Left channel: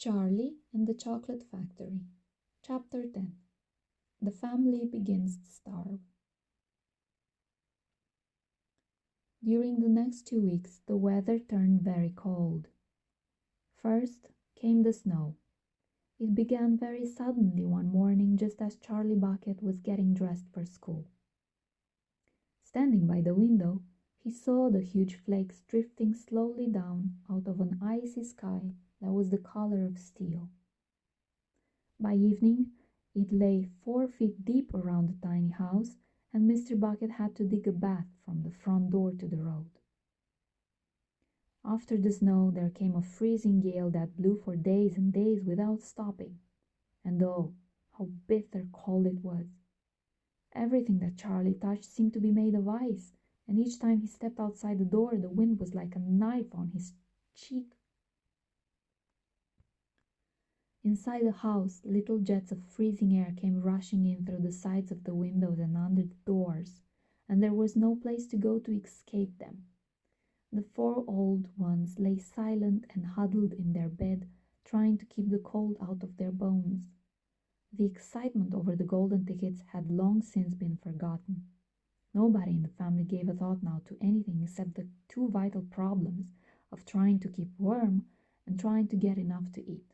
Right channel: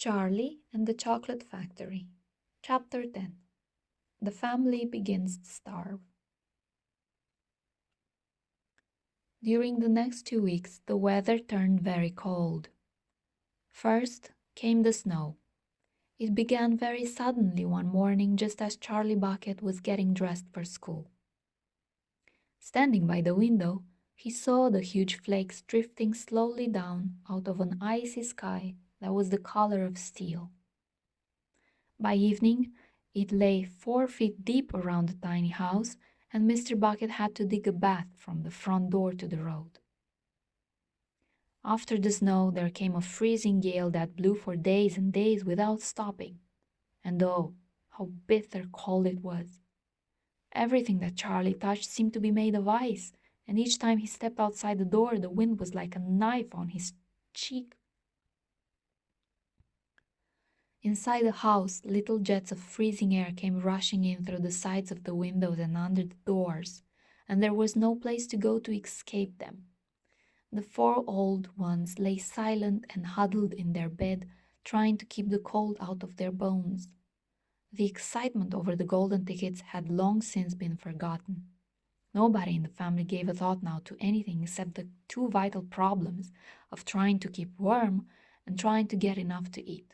Charlie and the Chocolate Factory. Chapter 10. The family begins to starve. During the next 2 weeks, the weather turned very cold. First came the snow. It began very suddenly one morning just as Charlie Bucket was getting dressed for school. Standing by the window, he saw the huge flakes drifting slowly down out of an icy sky that was the color of steel. By evening, it lay 4 feet deep around the tiny house, and Mr. Bucket had to dig a bath from the front door to the road. After the snow, there came a freezing gale that blew for days and days without stopping. And oh, how bitter cold it was! Everything that Charlie touched seemed to be made of ice, and each time he stepped outside the door, the wind was like a knife on his cheek. Inside the house, little jets of freezing air came rushing in through the sides of the windows and under the doors, and there was no place to go to escape them. The four old ones lay silent and huddled in their bed, trying to keep the cold out of their bones. The excitement over the golden tickets had long since been forgotten. Nobody in the family gave a thought now to anything except the two vital problems of trying to keep warm and trying to get enough to eat.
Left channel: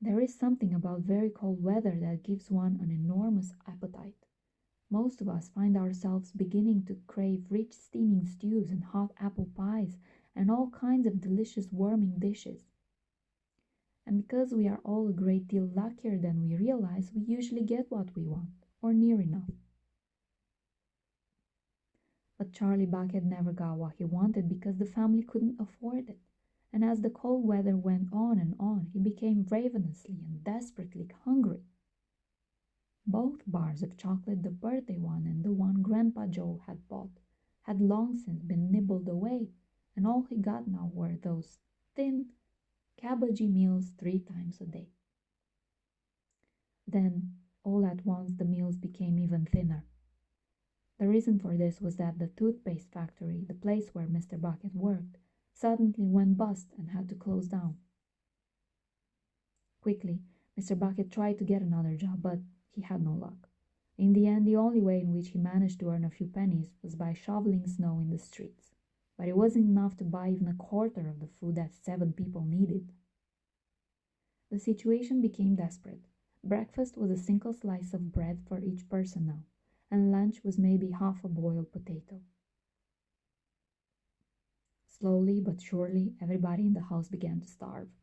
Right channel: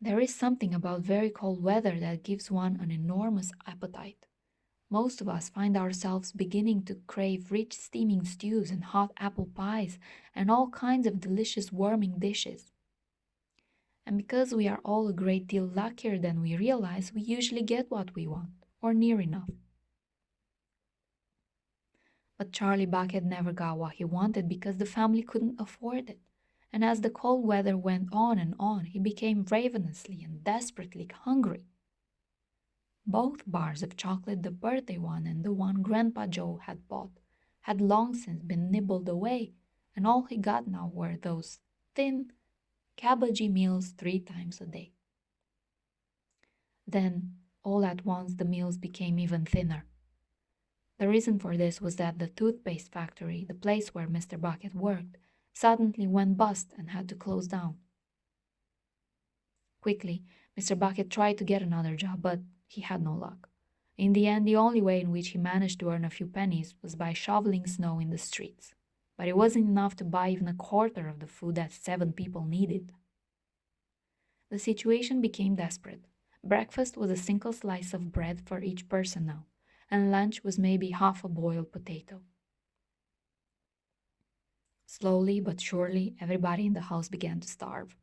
There is something about very cold weather that gives one an enormous appetite. Most of us find ourselves beginning to crave rich steaming stews and hot apple pies and all kinds of delicious warming dishes. And because we are all a great deal luckier than we realize, we usually get what we want, or near enough. But Charlie Bucket never got what he wanted because the family couldn't afford it. And as the cold weather went on and on, he became ravenously and desperately hungry. Both bars of chocolate, the birthday one and the one Grandpa Joe had bought, had long since been nibbled away, and all he got now were those thin, cabbagey meals 3 times a day. Then, all at once, the meals became even thinner. The reason for this was that the toothpaste factory, the place where Mr. Bucket worked, suddenly went bust and had to close down. Quickly, Mr. Bucket tried to get another job, but he had no luck. In the end, the only way in which he managed to earn a few pennies was by shoveling snow in the streets. But it wasn't enough to buy even a quarter of the food that 7 people needed. The situation became desperate. Breakfast was a single slice of bread for each person now, and lunch was maybe half a boiled potato. Slowly but surely, everybody in the house began to starve.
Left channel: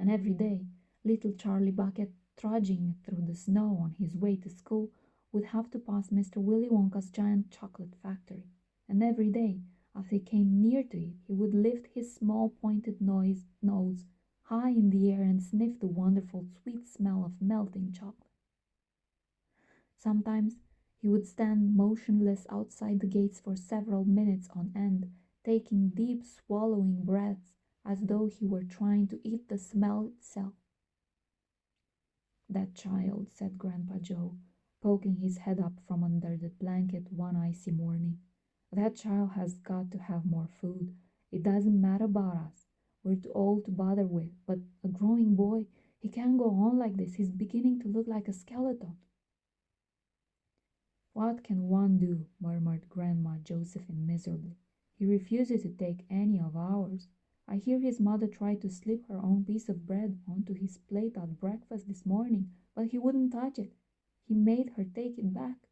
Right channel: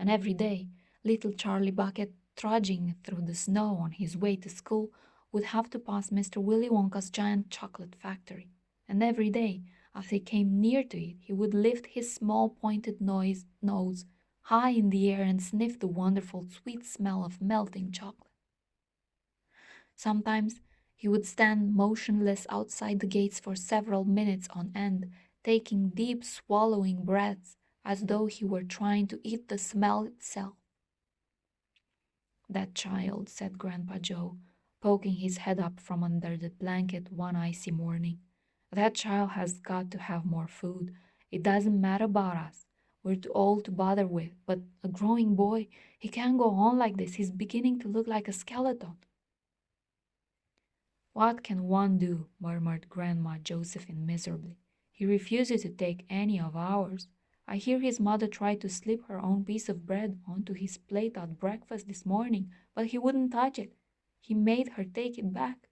And every day, little Charlie Bucket, trudging through the snow on his way to school, would have to pass Mr. Willy Wonka's giant chocolate factory. And every day, as he came near to it, he would lift his small pointed nose high in the air and sniff the wonderful sweet smell of melting chocolate. Sometimes he would stand motionless outside the gates for several minutes on end, taking deep swallowing breaths as though he were trying to eat the smell itself. "That child," said Grandpa Joe, poking his head up from under the blanket one icy morning. "That child has got to have more food. It doesn't matter about us. We're too old to bother with, but a growing boy, he can't go on like this. He's beginning to look like a skeleton." "What can one do?" murmured Grandma Josephine miserably. "He refuses to take any of ours. I hear his mother tried to slip her own piece of bread onto his plate at breakfast this morning, but he wouldn't touch it. He made her take it back."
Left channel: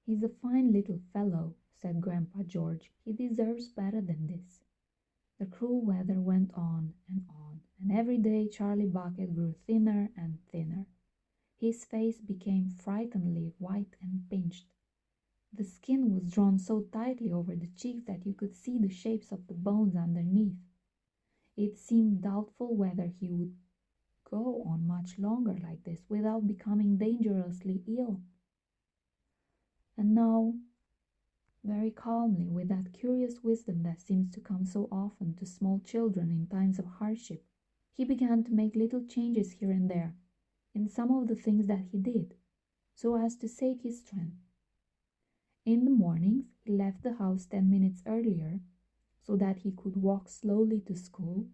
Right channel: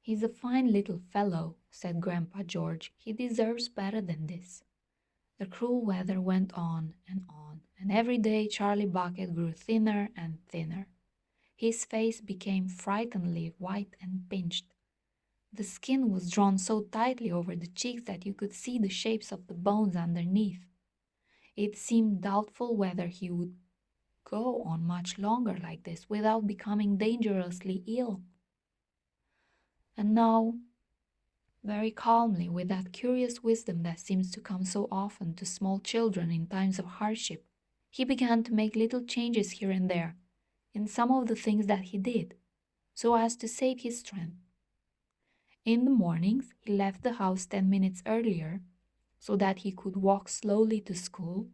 "He's a fine little fellow," said Grandpa George. "He deserves better than this." The cruel weather went on, and every day Charlie Bucket grew thinner and thinner. His face became frighteningly white and pinched. The skin was drawn so tightly over the cheeks that you could see the shapes of the bones underneath. It seemed doubtful whether he would go on much longer like this without becoming dangerously ill. And now, very calmly, with that curious wisdom that seems to come so often to small children in times of hardship, he began to make little changes here and there in some of the things that he did, so as to save his strength. In the mornings, he left the house 10 minutes earlier, so that he could walk slowly to school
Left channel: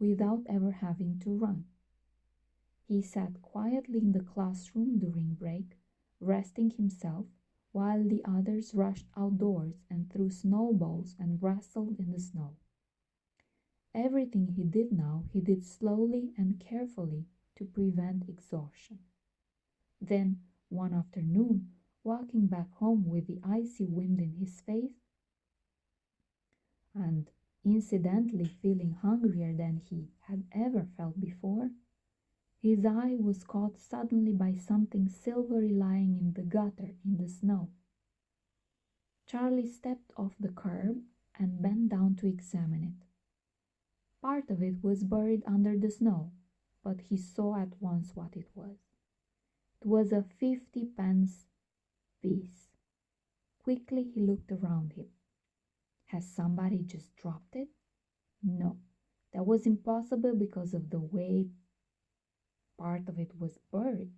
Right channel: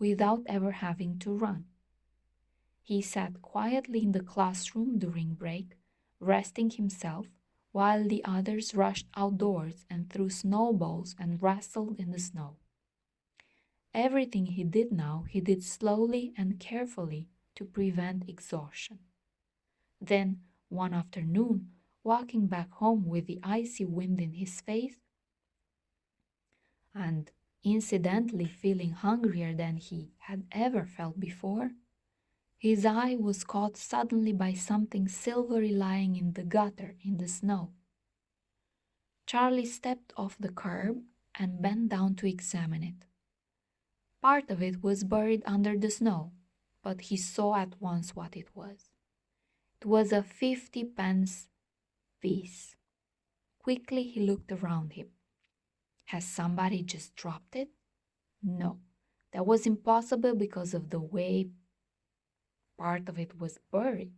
without ever having to run. He sat quietly in the classroom during break, resting himself, while the others rushed outdoors and threw snowballs and wrestled in the snow. Everything he did now, he did slowly and carefully to prevent exhaustion. Then, one afternoon, walking back home with the icy wind in his face, and incidentally feeling hungrier than he had ever felt before, his eye was caught suddenly by something silvery lying in the gutter in the snow. Charlie stepped off the curb and bent down to examine it. Part of it was buried under the snow, but he saw at once what it was. It was a 50-pence piece. Quickly he looked around him. Has somebody just dropped it? No, that was impossible because of the way part of it was buried.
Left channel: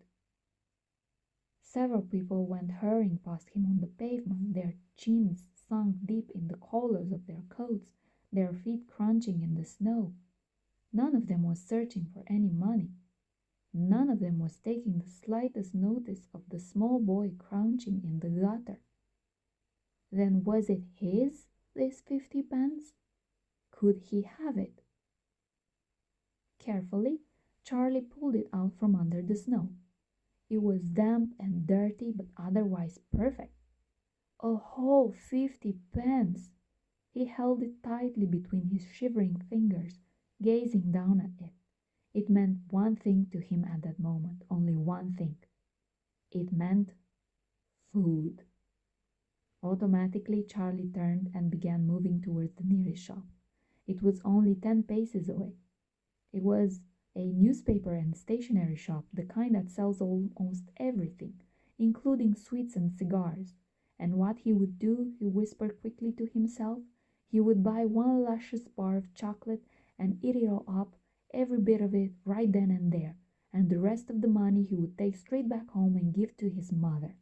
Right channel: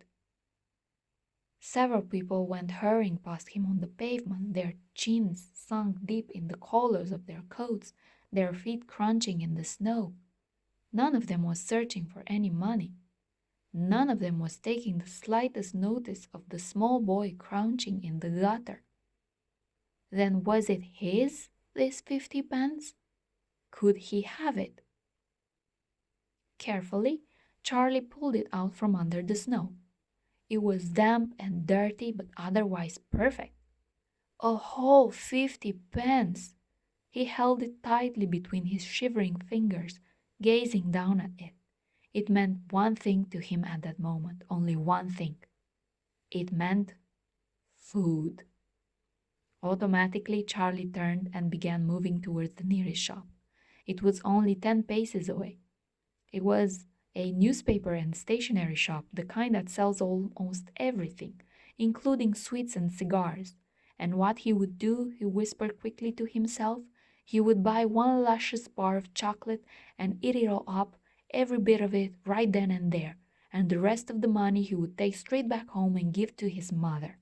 Several people went hurrying past him on the pavement, their chins sunk deep in the collars of their coats, their feet crunching in the snow. None of them was searching for any money. None of them was taking the slightest notice of the small boy crouching in the gutter. Then was it his, this 50-pence? Could he have it? Carefully, Charlie pulled it out from under the snow. It was damp and dirty, but otherwise perfect. A whole 50-pence! He held it tightly between his shivering fingers, gazing down at it. It meant one thing to him at that moment, only one thing. It meant food. Automatically, Charlie turned and began moving towards the nearest shop. It was only 10 paces away. It was a newspaper and stationery shop, the kind that sells almost everything, including sweets and cigars. And what he would do, he whispered quickly to himself, he would buy one luscious bar of chocolate and eat it all up, every bit of it, right then and there, and the rest of the money he would take straight back home and give to his mother.